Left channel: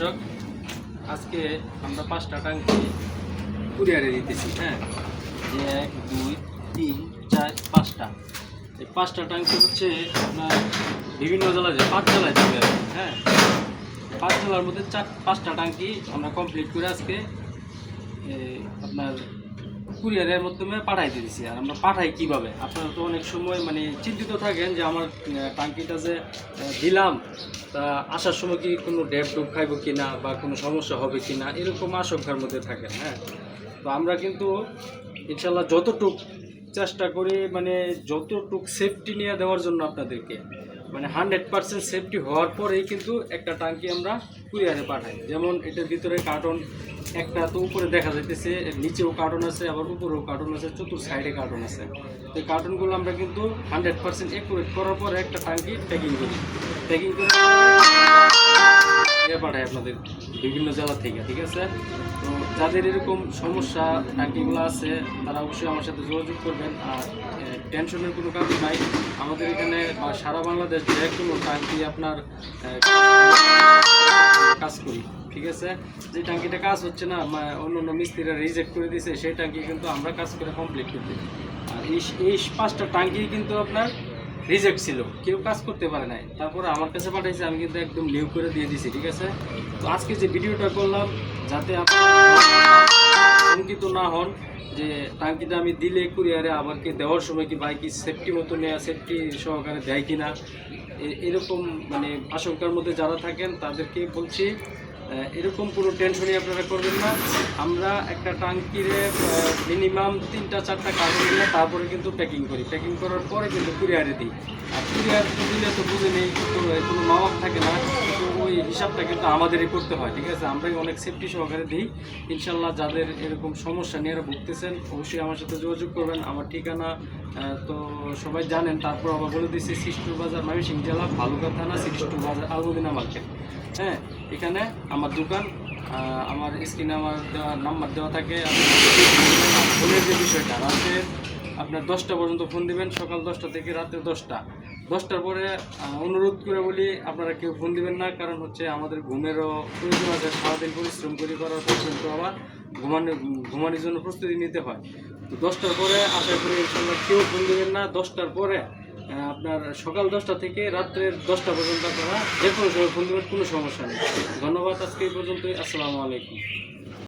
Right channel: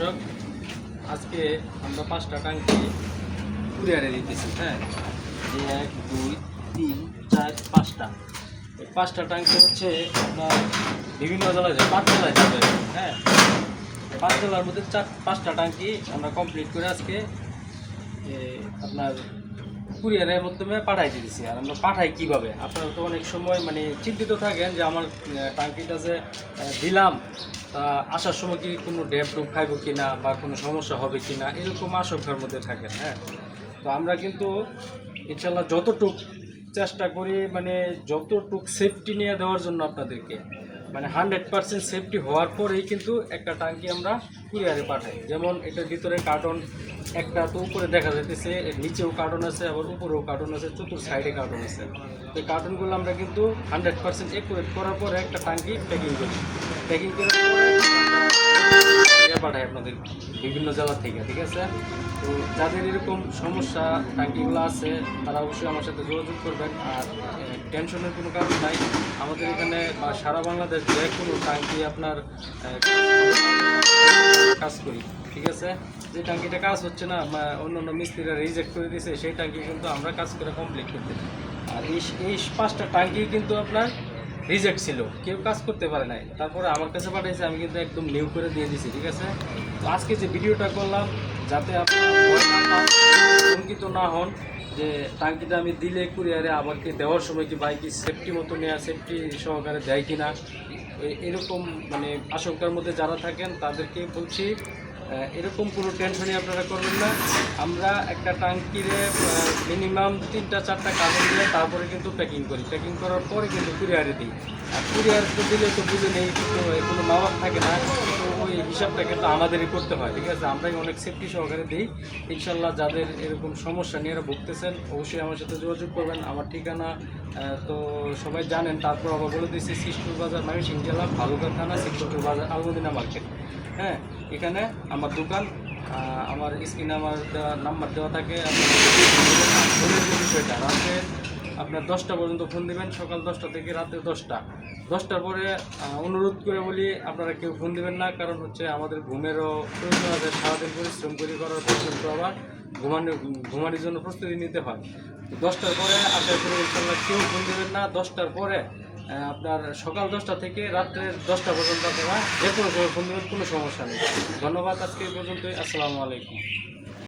দর্শক, আজকে আমরা 5টা টাঙ্কি কুরিয়ারে দিতেছি। হ্যাঁ, 1 2 3 4 5টা। এই 5টা টাঙ্কি হচ্ছে আপনার বিভিন্ন জেলায় যায়, 5 জেলায় যাবে। হ্যাঁ, 5 জেলার মধ্যে 5টা টাঙ্কি আমরা কমপ্লিট করে আজকে আপনার কুরিয়ারের মাধ্যমে পাঠাই দিয়েছি। আর আমরা পাঠাই কিভাবে, আপনারা তো অনেক সময় মানে চিন্তিত থাকেন যে আমার টাঙ্কিটা যে দিলাম তা আসার সময় কি কোনো ডেপ ডুপ খাইব কি না বা কোনো সমস্যা হবে কি না, এরকম আশঙ্কার মধ্যে থাকেন। হ্যাঁ, তো আমরা কিন্তু ইনশাল্লাহ যতটুক চেষ্টা করি, মানে যতটুক সেফটি নিয়ে দেওয়ার জন্য আপনাদেরকে, মানে 100% সেফটি হওয়ার পরেই কিন্তু একটা টাঙ্কি আমরা কুরিয়ারে পাঠাই। যেমন এটার ভিতরে কার্টন একটা তো উপরে দেখা যাইতেছে, নিচেও কার্টন আছে, আবার উপরেও কার্টন আছে, চতুর্থ সাইডে কার্টন আছে। তো এই কার্টনগুলো আমরা কিন্তু 100% একুরেট করার পরে একটা টাঙ্কি প্যাকিং করি। প্যাকিং করে পাঠাই আপনাদের বিভিন্ন জেলা থেকে। ঠিক আছে, তো যাদের এরকম সমস্যা টাঙ্কিগুলো আছে তারা অবশ্যই আমার সাথে যোগাযোগ করবেন। আর টেনশনের কোনো কাজ নাই, আমাদের এখানে সারা বাংলাদেশ যে কোনো টাঙ্কি আপনার কাজ করি। ঠিক আছে, যে টাঙ্কিটা কাজ হচ্ছে না, অন্য অন্য মিস্ত্রিরা রিজেক্ট করে দিয়েছে, সেই টাঙ্কি কিন্তু আমরা কাজ করে কমপ্লিট করতে। আর এই 5টা টাঙ্কি কিন্তু আপনার রিজেক্ট ছিল, কেউ কাজ করতে পারে নাই, তারপরে আমার কাছে পাঠাইছে, আমি কিন্তু একদম নিউ করে দিয়ে দিয়েছি। ঠিক আছে, তো আজকে যে ভিডিওটা করলাম যাতে আপনারা শঙ্কিত না হন যে টাঙ্কিটা আমি দিলে কুরিয়ারে আবার কি দেওয়ার সময় কি ভাই কি সেফটি মতো নেওয়া, সেফটি সহকারে দেয় কিনা, এরকম মানে আশঙ্কার মধ্যে যারা থাকেন তাদেরকে বলছি এরকম কোনো টেনশনই আপনারা করবেন না। আমরা একটা টাঙ্কিরে মিনিমাম 3টা 4টা কার্টন দিয়ে তারপরে কিন্তু প্যাকিং করি। প্যাকিং করার পরে কিন্তু কুরিয়ারে দিই। আর কুরিয়ারে দিলে তো বুঝে নেই, কিন্তু কোনো মাওয়াক থাকে না, কিন্তু ওই হিসাবটা কিন্তু আমাদেরই করতে হয়। ঠিক আছে, আমরাই অনেক সেফটি সহকারে দিই। ইনশাল্লাহ যাদের এরকম সমস্যা নিয়ে ভুগতেছেন অবশ্যই আমার সাথে যোগাযোগ করবেন। আমার ঠিকানা তো সবাই জানেন, তারপর আবার বলে দিচ্ছি, সিস্টুর বাজার, ময়মনসিংহ জেলা, ভালুকা থানা, সিস্টুর বাজার, আলমদিনা মার্কেট। হ্যাঁ, এখানে আমার দোকান, আমার স্ক্রিনে আমার দেওয়া নাম্বার দেওয়া থাকে। ফোনের যে বিষয়টা, রাতের আপনার 10টা পর্যন্ত ফোন দিবেন, সকাল 10টা থেকে রাতে 10টার পরে অনুরোধ করে বলি আপনারা কেউ ফোন দিবেন না, কারণ হচ্ছে আমাদের ঘুমেরও প্রয়োজন আছে। সারাদিন পরিশ্রম করার পর্যন্ত আবার ঘুমানোর জন্য প্রস্তুতি নিতে হয়। 10টার পরে আশা করি ইনশাল্লাহ কেউ ফোন দেবেন না। 10টার পরে আপনার সকাল 10টা থেকে রাত্রের 10টা পর্যন্ত আপনারা যে কোনো সময় ফোন দেবেন, কোনো সমস্যা নেই। ধন্যবাদ, আজকে এই পর্যন্তই। আসসালামু আলাইকুম।